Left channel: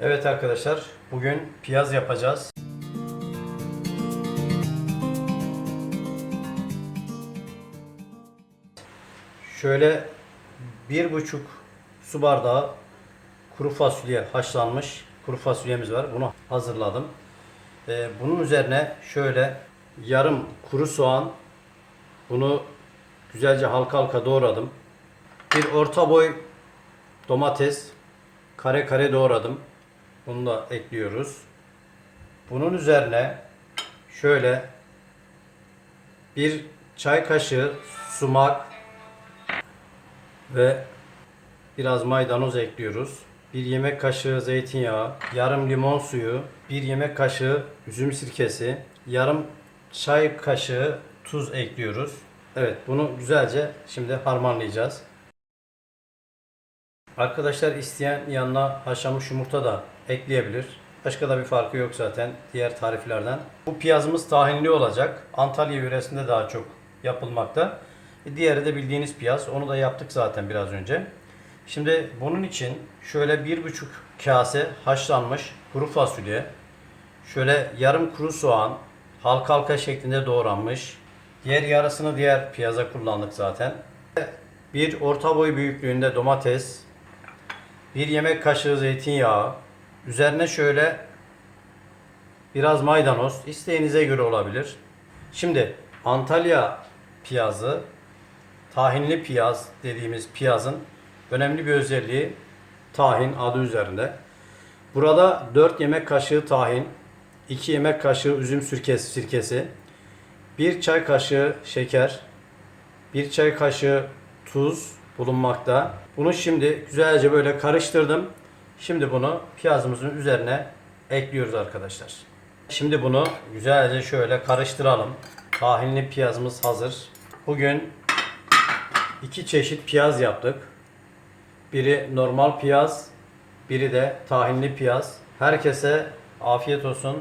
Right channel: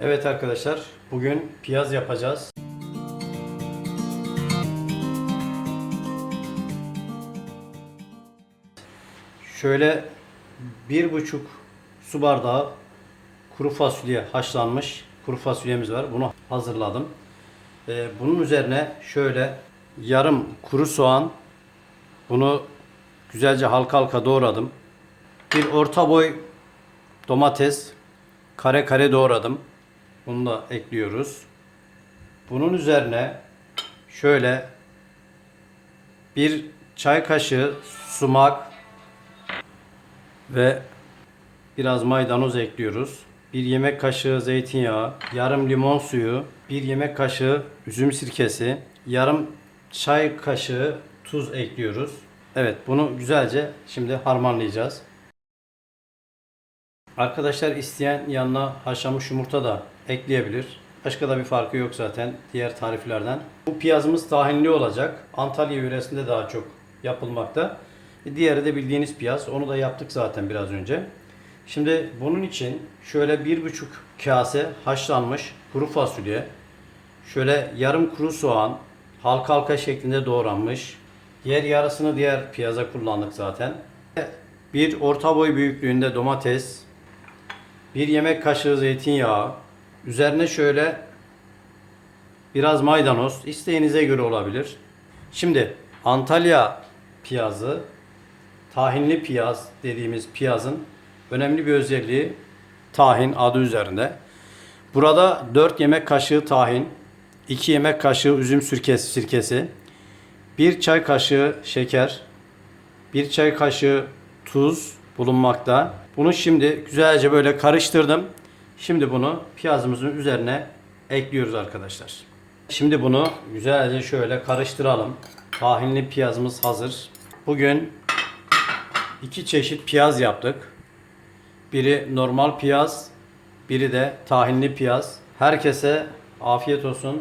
Evet arkadaşlar, bugün piyaz yapacağız. Şöyle bir buçuk su bardağı kuru fasulye haşlanmış kuru fasulyemiz var. Bunu hazırladım. Ee, bunun üzerine şöyle yarım kuru soğan bunu güzelce halka halka doğradım. Bir orta boy domates kare kare doğradım. Bunu da ekliyoruz. Bunun üzerine şöyle bir çay kaşığı sumak ve biraz maydanoz ekliyoruz. Bir yemek kaşığı zeytinyağı, yarım limon suyu, bir yemek kaşığı üzüm sirkesi, yarım çay kaşığı tuz ekliyoruz. Evet bunu güzelce şimdi harmanlayacağız. Arkadaşlar isteyen yanına haşlanmış yumurta da ekleyebilir. Başka da bir farkı yok zaten diğer tariflerden. Bu piyazımız tahinli olacak. Antalya yöresinde daha çok yapılmakta. E, Diğeri de bildiğiniz piyaz. Onu da yaptık zaten biraz önce. Şimdi bunun için şöyle bir buçuk kase haşlanmış kuru fasulye, şöyle yarım kuru soğan, halka halka şeklinde doğranmış. Diğer yarısını diğer piyaza kullandık zaten. Bir orta boy büyüklüğünde domates, bir yemek kaşığı zeytinyağı, üzerine şöyle biraz maydanoz, isteğinize göre olabilir. Şimdi Antalya piyazı, tahinli piyaz dediğimiz piyazın önemli bir özelliği tahin adı üzerinde. Burada 4 yemek kaşığı tahin, 2 yemek kaşığı üzüm sirkesi, sirkesi 1 çay kaşığı şeker, 1 çay kaşığı tuz bulunmakta. Bunu şimdi güzelce böyle karıştırdım. Şimdi bunu piyazımızın üzerine ekliyoruz arkadaşlar. Şimdi bunu güzelce şöyle karıştıralım. Tahinli piyazımız hazır. Bugün iki çeşit piyaz yaptık. Biri normal piyaz, biri de tahinli piyaz. Herkese afiyet olsun.